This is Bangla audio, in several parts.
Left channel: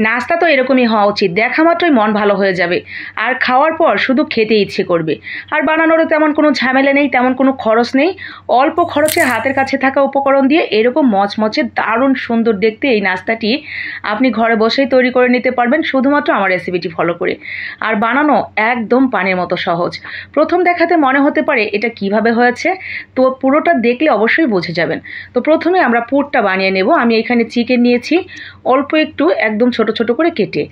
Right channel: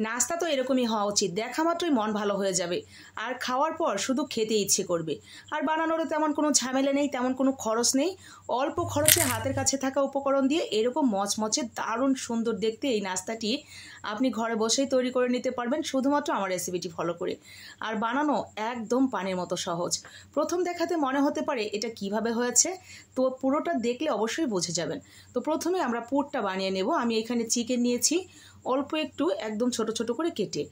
নাস্তা তো এরকমই হওয়া উচিত, দেখা মাত্রই মন ভালো হয়ে যাবে আর খাওয়ার পর শুধু খেতে ইচ্ছে করবে। আর বানানোরও তেমন কোনো ঝামেলা নেই, তেমন কোনো খরচ নেই। অল্প খরচে হাতের কাছে থাকা উপকরণ দিয়ে এরকম মচমচে দারুণ সুন্দর দেখতে এই নাস্তাটি আপনি ঘরে বসেই তৈরি করে নিতে পারবেন শুধুমাত্র আমার রেসিপিটি ফলো করে। আর বানানো একদম পানির মতো সহজ। প্রথম দেখাতে মনে হতে পারে এটা কিভাবে হয়েছে, তো পুরোটা দেখলে অবশ্যই বুঝে যাবেন। তো প্রথমে আমরা পুরটা বানিয়ে নেব। আমি এখানে চিকেন নিয়েছি অল্প একটু, একদম ছোট ছোট করে কেটে।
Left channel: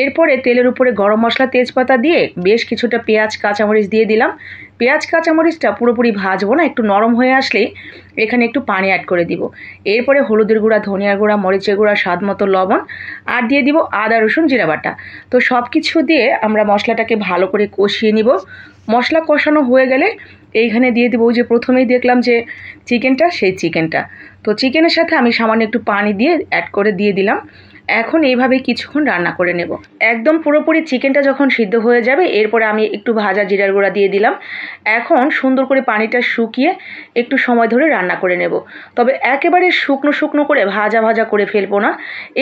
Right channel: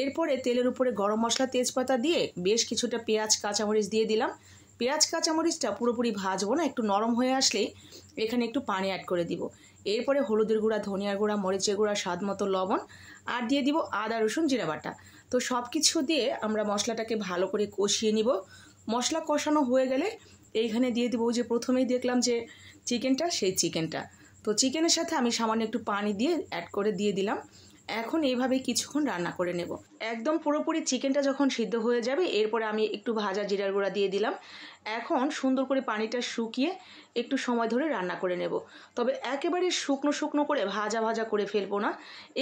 এরপরে তেলের উপরে গরম মশলা তেজপাতা দিয়ে বেশ কিছুটা পেঁয়াজ কাঁচামরিচ দিয়ে দিলাম। পেঁয়াজ কাঁচামরিচটা পুরোপুরি ভাজবো না, একটু নরম হয়ে আসলেই এখানে একটু পানি অ্যাড করে দিব। এরপরে হলুদের গুঁড়া, ধনিয়ার গুঁড়া, মরিচের গুঁড়া, স্বাদ মতো লবণ আর দিয়ে দিব আদা রসুন জিরা বাটা। তো সব কিছু দিয়ে আমরা মশলাটাকে ভালো করে কষিয়ে নিব। মশলা কষানো হয়ে গেলে এইখানে দিয়ে দেবো ওই যে প্রথমেই দেখলাম যে চিকেনটা, সেই চিকেনটা। তো চিকেনের সাথে আমি সামান্য একটু পানি দিয়ে অ্যাড করে দিয়ে দিলাম। এখন এইভাবে কিছুক্ষণ রান্না করে নেব। একদম পুরোপুরি চিকেনটা যখন সিদ্ধ হয়ে যাবে এরপরে আমি একটু ভাজা জিরার গুঁড়া দিয়ে দিলাম। এখন সুন্দর করে পানিটা শুকিয়ে একটু সময় ধরে রান্না করে নেব। তবে একেবারে শুকনো শুকনো করে ভাজা ভাজা করে ফেলবো না,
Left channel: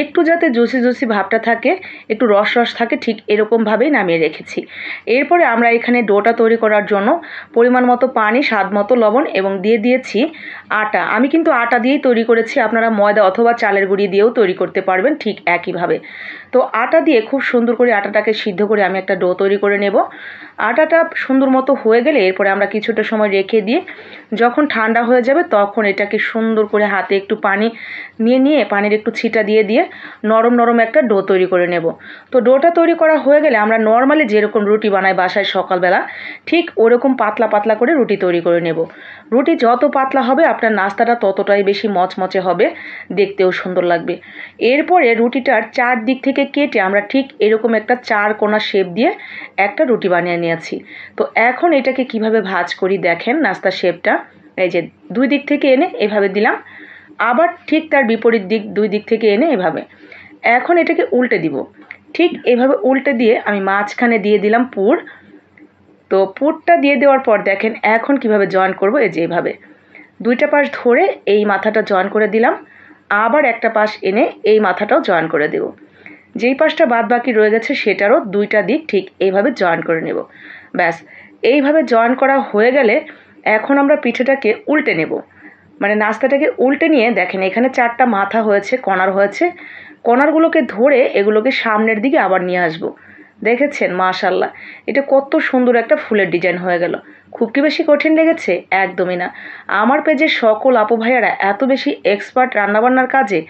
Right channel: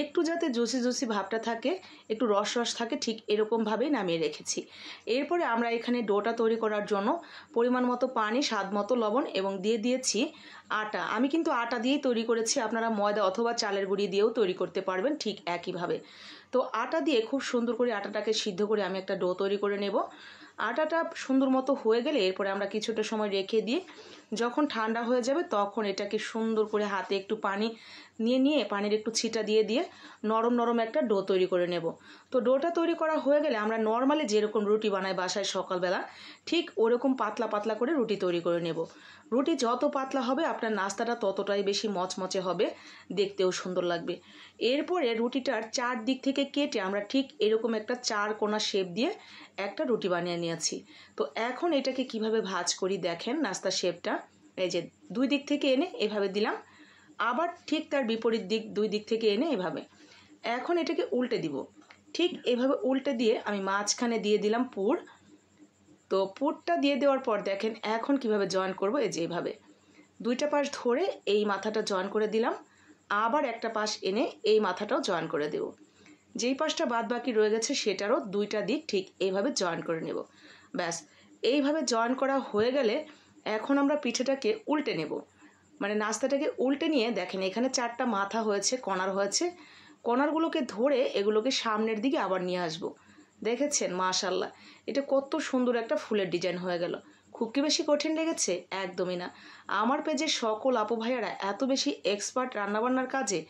একটু যাতে জুসি জুসি ভাবটা থাকে, একটু রস রস থাকে, ঠিক এরকমভাবেই নামিয়ে রেখেছি। এরপরে আমরা এখানে ডোটা তৈরি করার জন্য পরিমাণ মতো পানি, স্বাদ মতো লবণ এবং দিয়ে দিয়েছি আটা। আমি কিন্তু আটা দিয়েই তৈরি করেছি, আপনারা ময়দা অথবা চালের গুঁড়ি দিয়েও তৈরি করতে পারবেন ঠিক একইভাবে। তো আটা দিয়ে খুব সুন্দর করে আটাটাকে সিদ্ধ করে আমি একটা ডো তৈরি করে নেব। আটাটা সুন্দর মতো হয়ে গেলে এরপরে আমরা কিছুটা সময় রেখে দিয়ে যখন ঠান্ডা হয়ে যাবে তখন এটাকে সুন্দর করে হাতে একটু পানি নিয়ে পানির একটু ছিটা দিয়ে দিয়ে নরম নরম একটা ডো তৈরি করে নেব। তো ডোটা তৈরি করা হয়ে গেলে আমরা নর্মালি যেরকম রুটি বানাই বাসায় সকালবেলা, ঠিক ওরকম পাতলা পাতলা করে রুটি তৈরি করে নেব। রুটি যত পাতলা হবে আপনার নাস্তাটা ততটাই বেশি মচমচে হবে, দেখতেও সুন্দর লাগবে। এরপরে রুটিটার চার দিক থেকে কেটে আমরা ঠিক এরকম একটা চার কোণা শেপ দিয়ে একটা রুটি বানিয়ে নিয়েছি। তো এখন এটাকে কিভাবে ভাঁজ করি দেখেন, নাস্তার শেপটা এই যে দুই দিক থেকে এনে এভাবে দিলাম, আবার ঠিক তার বিপরীত দিক দুই দিক থেকে এনে এভাবে। এখন এটাকে উল্টে দিব। ঠিক এভাবে উল্টে দিয়ে আমি মাঝখানে দিয়ে দিলাম পুর। তো পুরটা দিয়ে দেওয়ার পর দেখেন এখন কিভাবে জয়েন করব, এই যে এভাবে দুইটা পাশ ধরে এই মাথাটা জয়েন করে দিলাম, আবার একটা পাশ এনে এই মাথাটাও জয়েন করে দেব। যেই পাশটা বাদ বাকি রয়ে গেছে সেটারও দুইটা দিক ঠিক এইভাবে জয়েন করে নেব। ব্যাস, এইভাবে জয়েন করা হয়ে গেলে এখন আমরা পিঠেটাকে উল্টে নেব। মানে নাস্তাটাকে উল্টে নিয়ে দেখেন এখানে চারটা মাথা হয়েছে, কর্নার হয়েছে। কর্নারগুলোকে ধরে এগুলোকে সামনের দিকে আবার নিয়ে আসবো। দেখেছেন মাশাল্লাহ, এটা কত সুন্দর একটা ফুলের ডিজাইন হয়ে গেল। খুব কি বেশি কঠিন লেগেছে? একদমই না। আমার পেজের সকল আপু ভাইয়ারা এত বেশি এক্সপার্ট রান্নাবান্নার কাজে,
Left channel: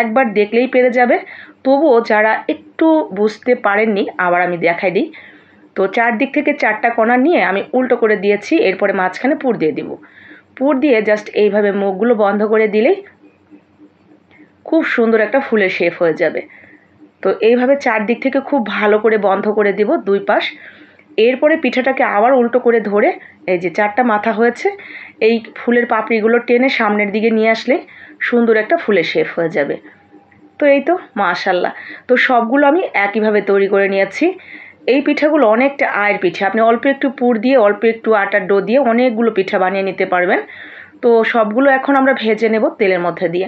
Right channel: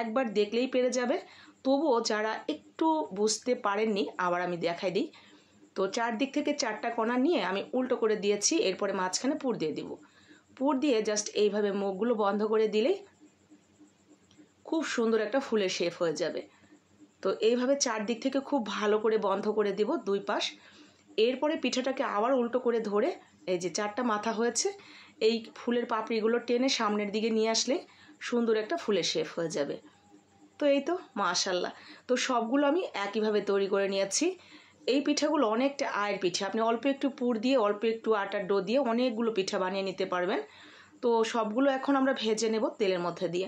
একবার দেখলেই পেরে যাবে। তবুও যারা একটু বুঝতে পারেননি আবার আমি দেখাই দিই। তো চারদিক থেকে চারটা কণা নিয়ে আমি উল্টো করে দিয়েছি, এরপরে মাঝখানে পুর দিয়ে দিব। পুর দিয়ে জাস্ট এইভাবে মুখগুলো বন্ধ করে দিলেই খুব সুন্দর একটা ফুলের শেপ হয়ে যাবে। তো এইভাবে চারদিক থেকে খুব ভালো করে বন্ধ করে দিব দুই পাশ। এরপরে পিঠাটাকে আবার উল্টো করে ধরে এই যে চারটা মাথা হয়েছে, এই ফুলের পাপড়িগুলো টেনে সামনের দিকে নিয়ে আসলে সুন্দর একটা ফুলের শেপ হয়ে যাবে। তো এই তো মাশাল্লাহ। তো সবগুলো আমি একইভাবে তৈরি করে নিয়েছি। এই পিঠাগুলো অনেকটা আয়ের পিঠা, আপনি অল্প একটু পুর দিয়ে অল্প একটু আটার ডো দিয়ে অনেকগুলো পিঠা বানিয়ে নিতে পারবেন। তো সবগুলো এখন আমরা ভেজে নেব তেলের মধ্যে দিয়ে,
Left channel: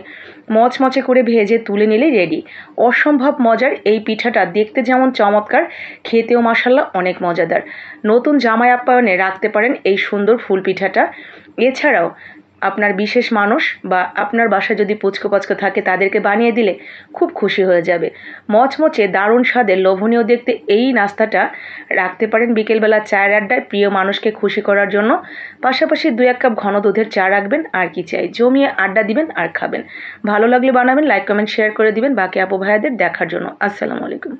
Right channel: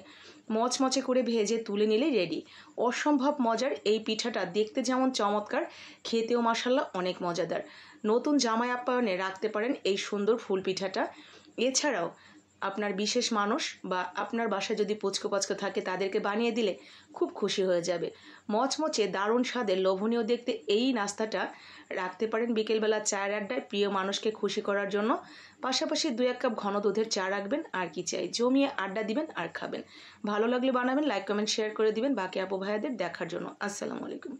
মচমচে করে ভেজে তুলে নিলেই রেডি। অসম্ভব মজার এই পিঠাটা, দেখতে যেমন চমৎকার, খেতেও মাশাল্লাহ অনেক মজাদার। নতুন জামাই আপ্যায়নে রাখতে পারেন এই সুন্দর ফুল পিঠাটা। এছাড়াও আপনার বিশেষ মানুষ বা আপনার বাসায় যদি পুচকো পাচকো থাকে তাদেরকে বানিয়ে দিলে খুব খুশি হয়ে যাবে। মচমচে দারুণ স্বাদের লোভনীয় দেখতে এই নাস্তাটা রাখতে পারেন বিকেলবেলা চায়ের আড্ডায় প্রিয় মানুষকে খুশি করার জন্য। পাশাপাশি 2-1 কাপ ঘন দুধের চা রাখবেন, আর কি চাই, জমিয়ে আড্ডা দিবেন আর খাবেন। ভালো লাগলে বানাবেন, লাইক কমেন্ট শেয়ার করে দিবেন বাকি আপু ভাইয়াদের দেখার জন্য। আসসালামু আলাইকুম।